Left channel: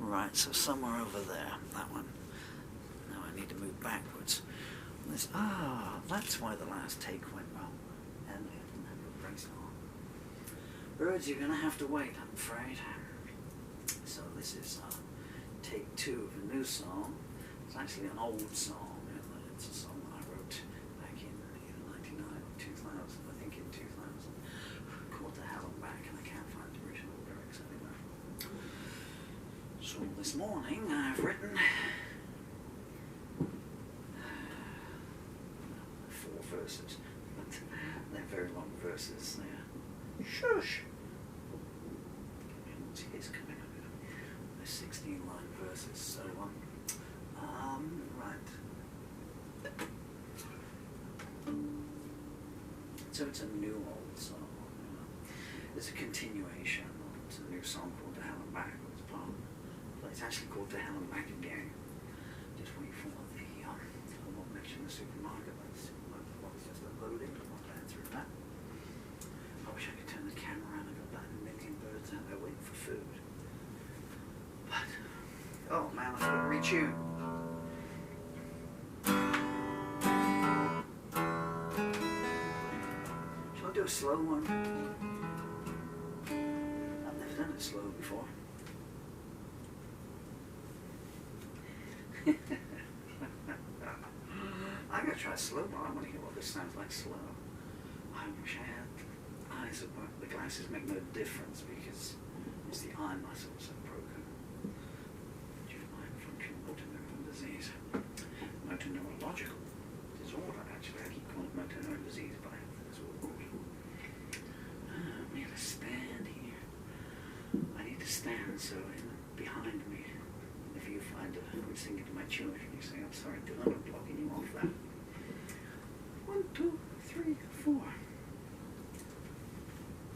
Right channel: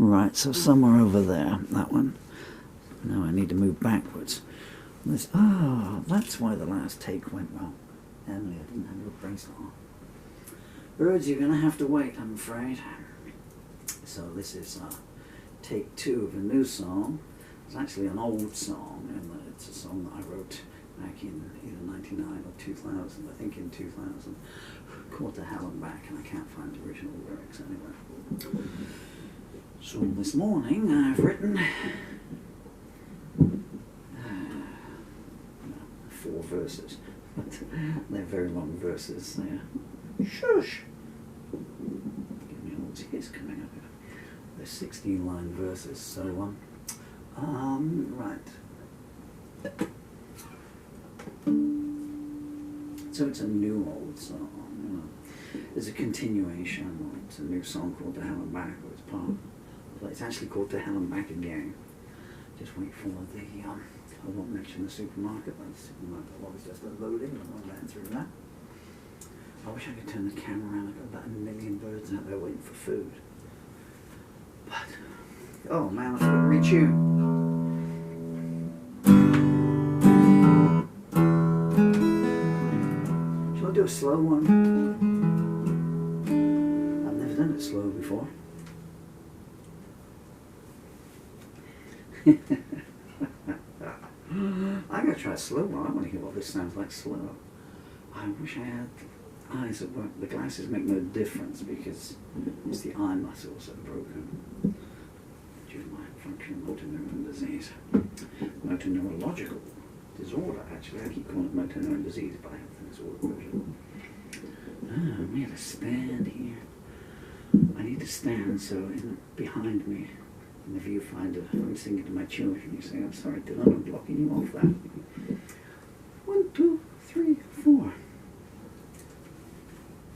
Right, so somewhere over there, that one. Now I need to move backwards. That's why the last take went well. Emily, I didn't have your bracelet on. Birds, you're going to have to wait, I'm afraid. So this is take 2 of a new song. It's actually an old song, and it's a song that I wrote back in either 99 or 2000, I think in 2000. Called To Hell and Back, and I can't find the original lyrics anywhere. So this morning I've written 4 verses, but they're very long verses. They're shush. Give me all tears coming up here. They're 16-line verses. So right. So it's a new old song. You know, it's a continuation. It's a new song called To Hell and Back, or it's part. It's actually called To Hell and Back Again. Just wait for the, I won't mention the supermarket, but the supermarket log is just loading, and I'll run through that. I wish I could turn the camera around. I've got about 1 million birds out there waiting for food. But, oh man, I forgot to retune. Shall I do a slow one? I've never done it slow before. I'm going to try a slow one. I want to hear what this sounds like slow. I wish I had eyes that work. The glasses make no difference because it's the eye muscles that are broken due to my functional motor neuron disease. Motor neurological disorder, actually. I keep calling it motor neuron disease, but I have the disorder version. I'm going to stand here. I need to stand so behind me in the viewfinder, I'm singing to my children. You say, I'm sorry, Dylan, I'm blocking you off that. 1, 2, 3, 4,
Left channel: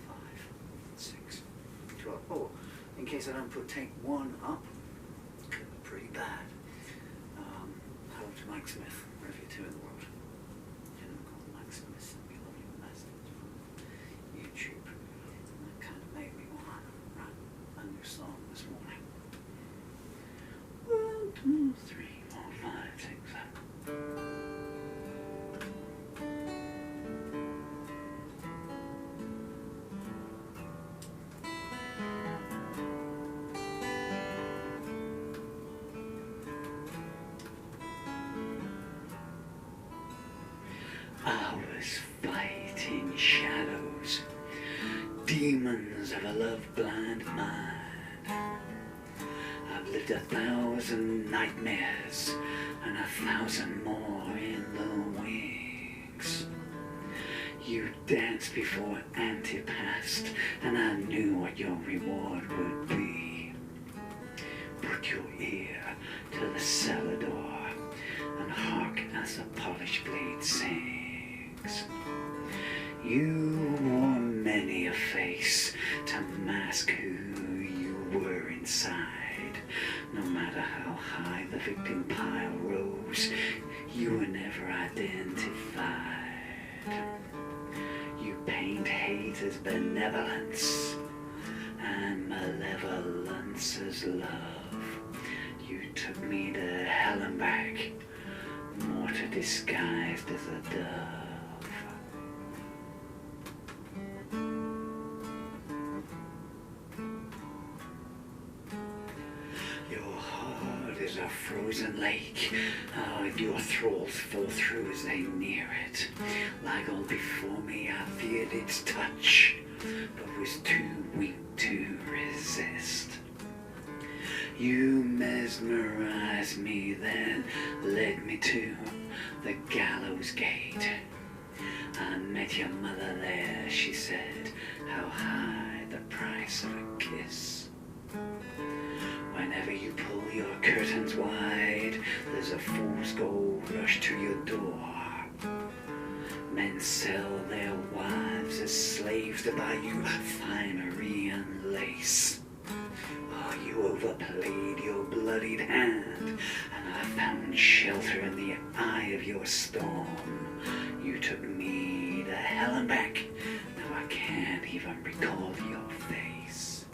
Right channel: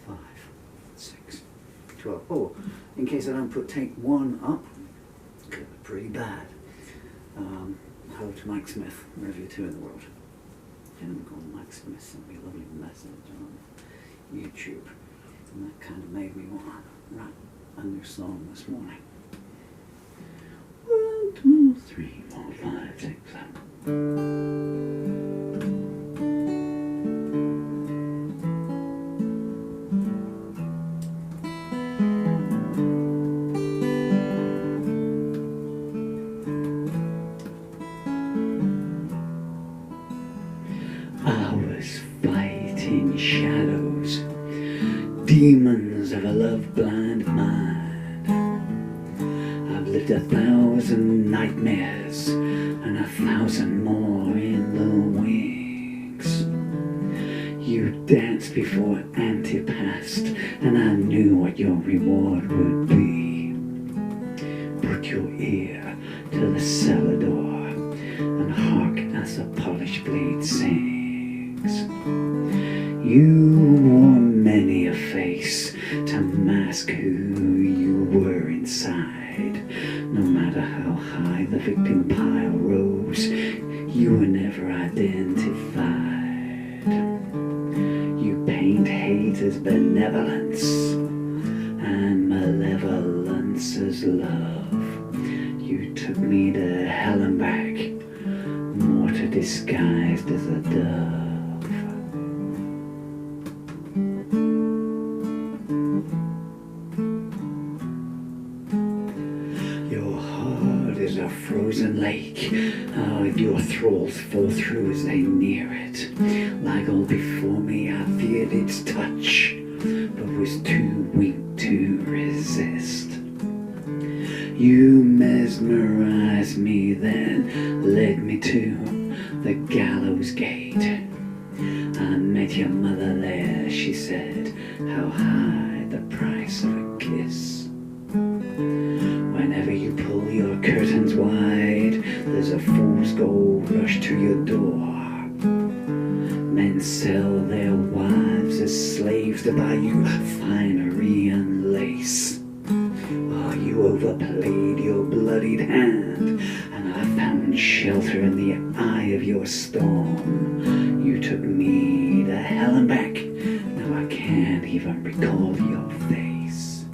5, 6, 12. Oh, in case I don't put take 1 up, it was pretty bad. Hello to Mike Smith, wherever you're to in the world. A gentleman called Mike Smith sent me a lovely message on YouTube, and that kind of made me want to write a new song this morning. 1, 2, 3, 4, 5, 6, 7. I was fighting shadows, demons of a love-blind mind. I've lived 1,000 nightmares and 1,000 more in the wings. You danced before Auntie passed, and I knew what your reward would be. Put your ear to the cellar door and hark as the polished blade sings. You wore many a face to mask who you were inside. No matter how high the victim pile rose, you were never identified. You paint hate as benevolence and malevolence as love. You took me to hell and back, mortar disguised as a dove. A frozen lake, your thralls fall through as they near it. Like all before me, I feared its touch, but was too weak to resist. You mesmerized me, then led me to the gallows gate. I met your mother there, she said, how high the price of a kiss. Whenever you pull your curtains wide, there's a fool's gold rush to your door. Men sell their wives as slaves to buy you finery and lace. Oh, you overplayed your bloodied hand, and I found shelter in the eye of your storm. You took me to hell and back, now I can't even recall your face.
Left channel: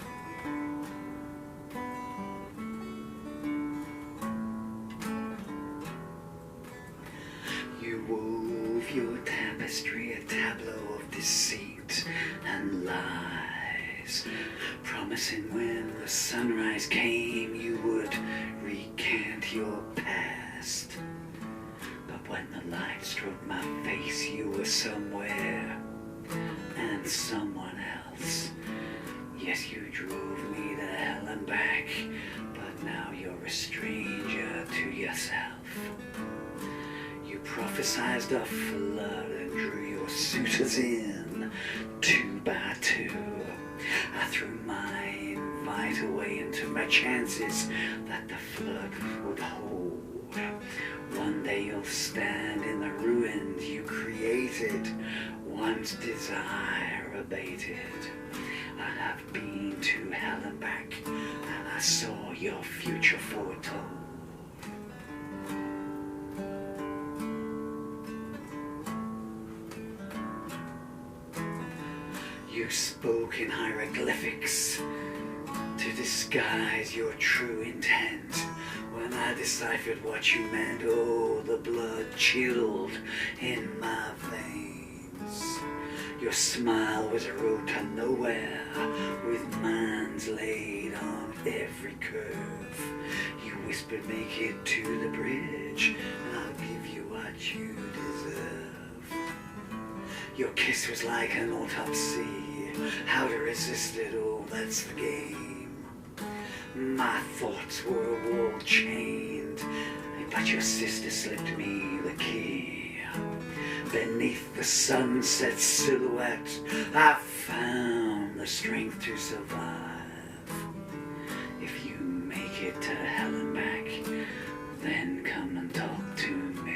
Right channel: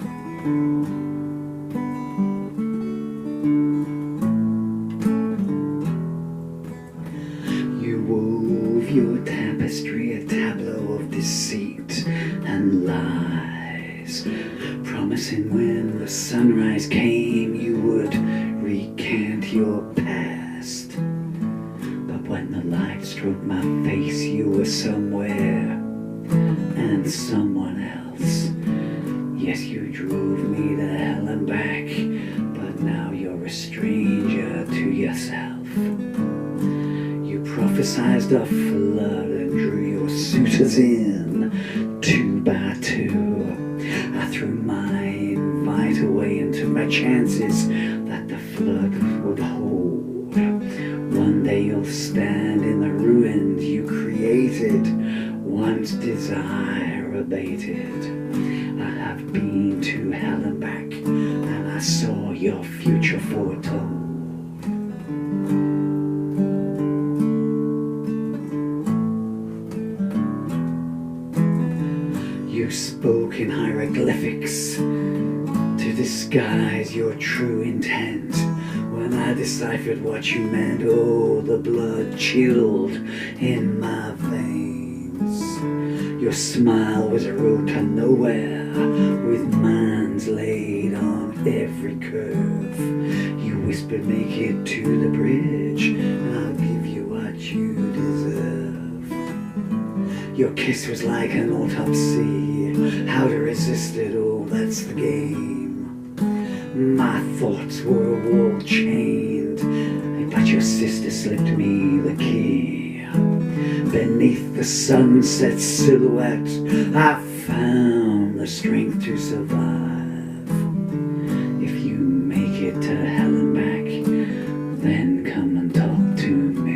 deceit and lies, promising when the sunrise came you would recant your past. But when the light struck my face you were somewhere and someone else. Yes, you drove me to hell and back, but now you're a stranger to yourself. You prophesied a flood and drew your suitors in 2 by 2. I threw my invite away and took my chances that the flood would hold. One day you'll stand in the ruins you created, once desire abated. I have been to hell and back, and I saw your future foretold. You spoke in hieroglyphics to disguise your true intent. When I deciphered what you meant, oh, the blood chilled in my veins. Your smile was a road to nowhere, with mines laid on every curve. You whispered, make it to the bridge, and I'll give you what you deserve. Your kiss was like an autopsy, how to resist it, oh, that's the game. My thoughts were wall chained, but your sister slipped me the key. Beneath the sunset silhouette, I found the strength to survive. If you make it to hell and back, then come and talk to me.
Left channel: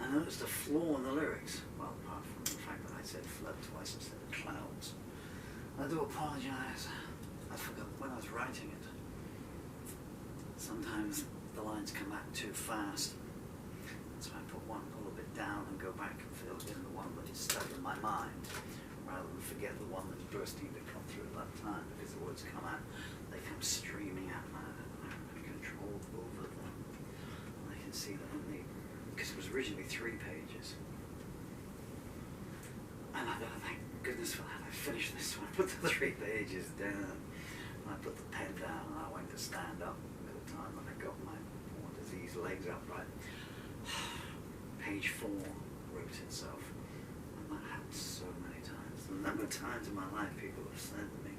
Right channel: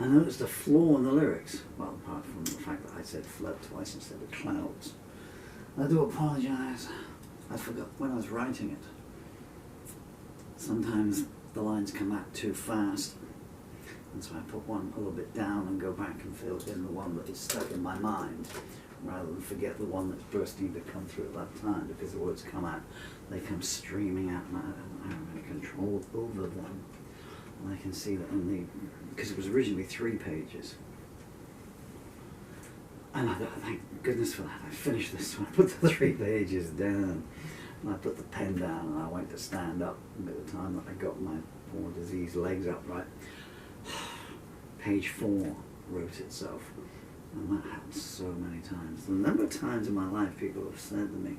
I noticed a flaw in the lyrics, well, apart from the fact that I said flood twice instead of clouds. I do apologise. I forgot when I was writing it. Sometimes the lines come out too fast, and so I put one a little bit down and go back and fill in the one that is stuck in my mind, rather than forget the one that's bursting to come through at that time, because the words come out, they come streaming out, and I have control over them. And I can see that in the, because it was originally 3 pages. And I thought, thank goodness for that, I finished this one. I put the 3 pages down, and I put the pen down, and I went to stand up. And by the time that I got my poor diseased legs upright, page 4 wrote itself. And that happens so many times. The number of times in my life people have said to me,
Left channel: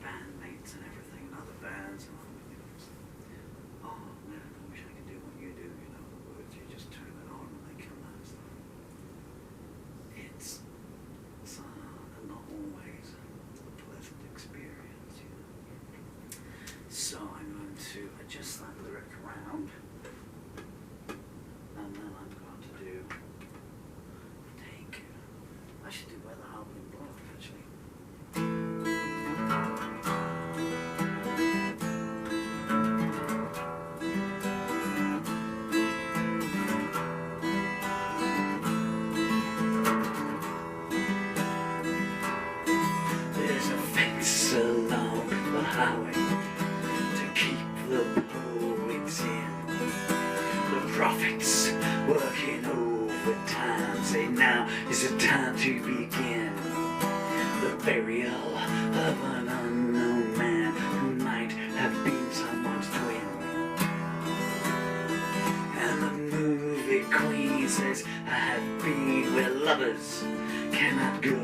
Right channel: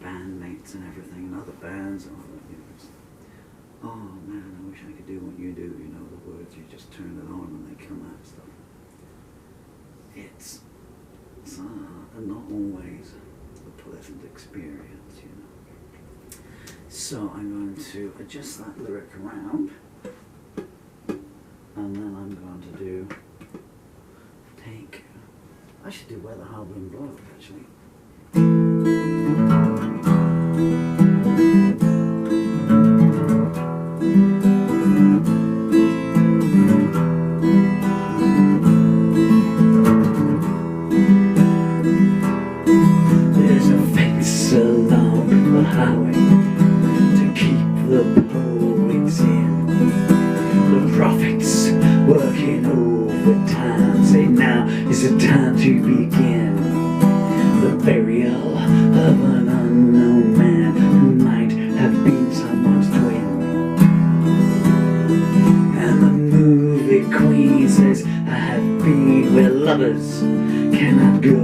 bandmates and everything, and other bands, and all that, you know, oh man, I wish I could do what you do, you know, the words, you just turn it on and they come out and stuff. It's not always a pleasant experience, you know. So I'm going to adjust that lyric around, and then I'm going to do, I should do Where the Howling Blows, actually. Working overtime, say now is the time to begin the burial of an unknown man who might have been someone's twin. And the movie queen says, I have been where lovers cannot go.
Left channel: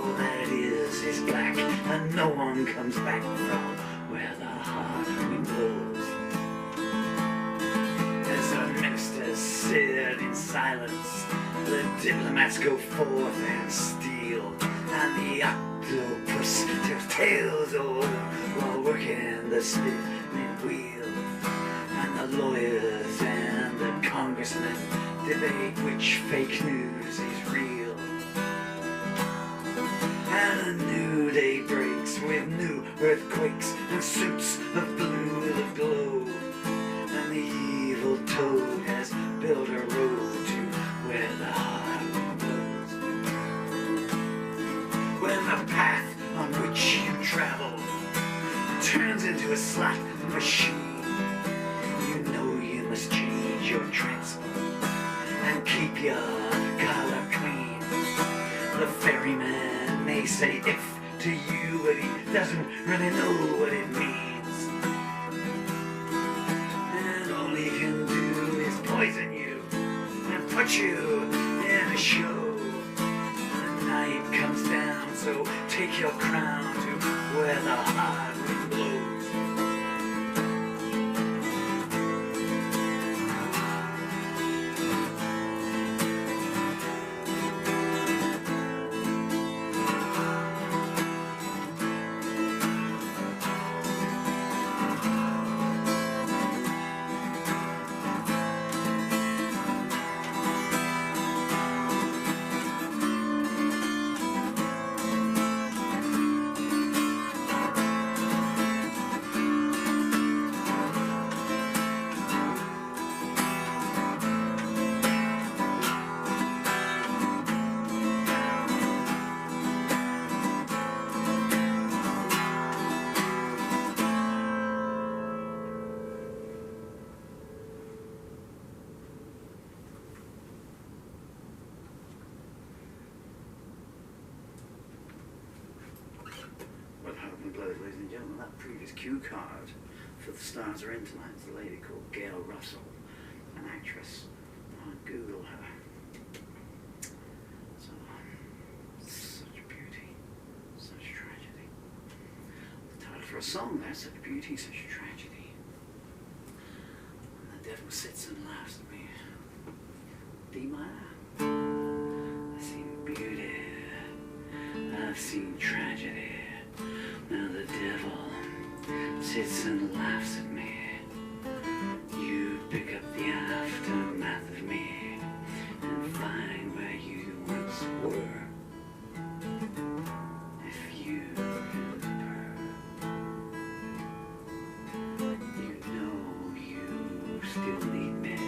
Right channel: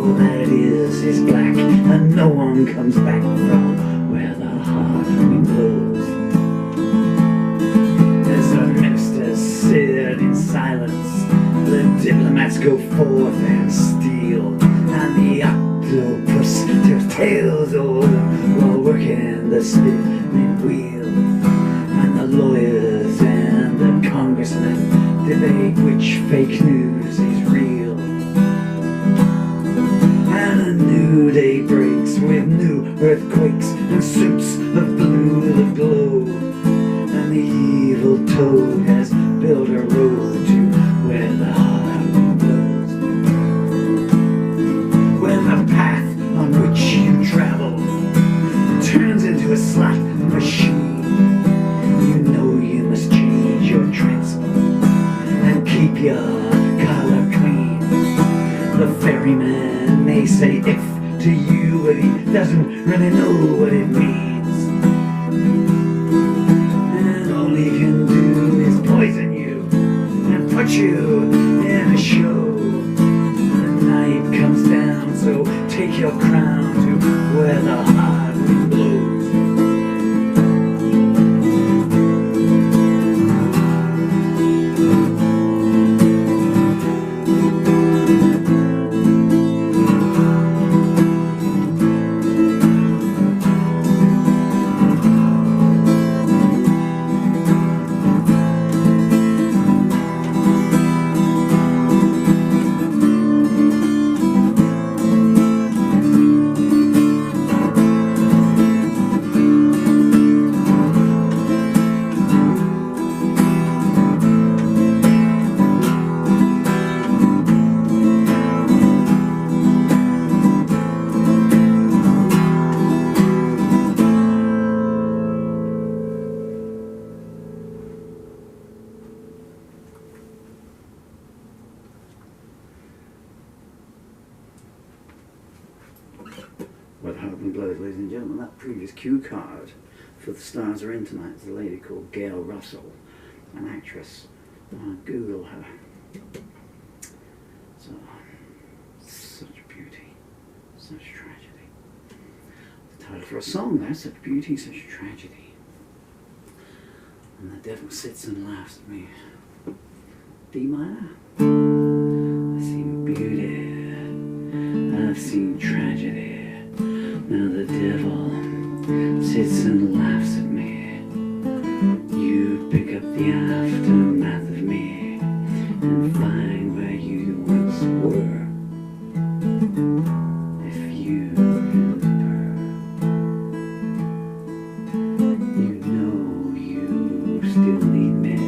All that is black, and no one comes back from where the heart wind blows. Sit in silence, the diplomats go forth and steal, and the octopus tells tales all while working working the spinning wheel, and the lawyers and the congressmen debate which fake news is real. And a new day breaks with new earthquakes and suits of blue that glow, and the evil toad has built a road to where the hard wind blows. When the path on which you travel turns into a slot machine, you know you must change your transport and keep your collar clean. The ferryman may say if to you, but he doesn't really know what it means, and all he can do is poison you and put you in a show. The night comes down, so take your crown to where the hard wind blows. Well, hard wind blows, ladies and gentlemen. That previous cue card for The Stars Are In Tonight is a lady called Gail Russell, an actress. Google her. So, such beauty, such tragedy. The title for a song there, such beauty, such tragedy. And the devil sits and laughs at me. D minor. I've seen beauty, I've seen tragedy. Now the devil sits and laughs at me. You pick up the aftermath of me and find where you once were. If you remember, you know you still need me,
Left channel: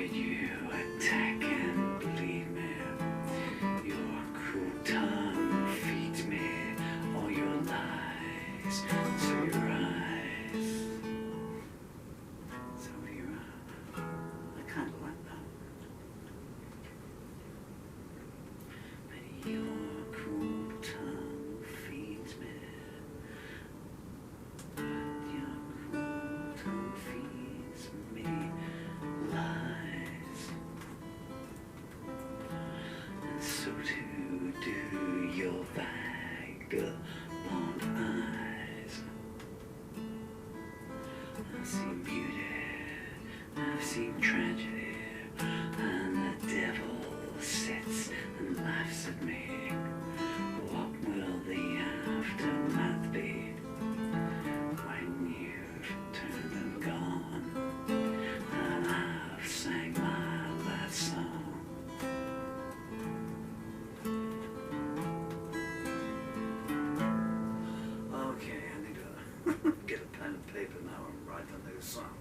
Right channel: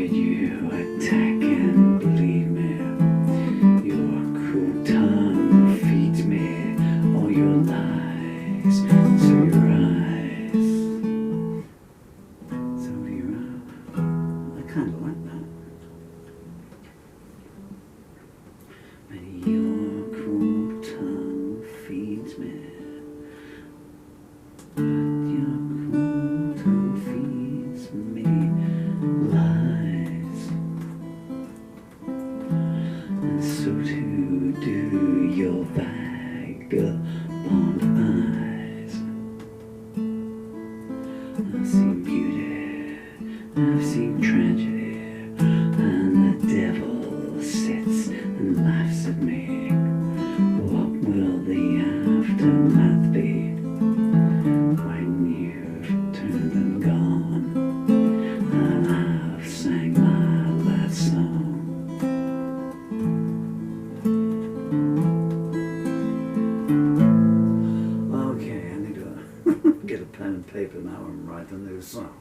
yet you attack and bleed me. Your cruel tongue feeds me all your lies, so your eyes, so do your eyes. I kind of like that. And your cruel tongue feeds me, but your cruel tongue feeds me lies, and so too do your vagabond eyes. I've seen beauty, I've seen tragedy, and the devil sits and laughs at me. What will the aftermath be when you've turned and gone, and I've sang my last song? Okay, I need to get a pen and paper now and write a new song.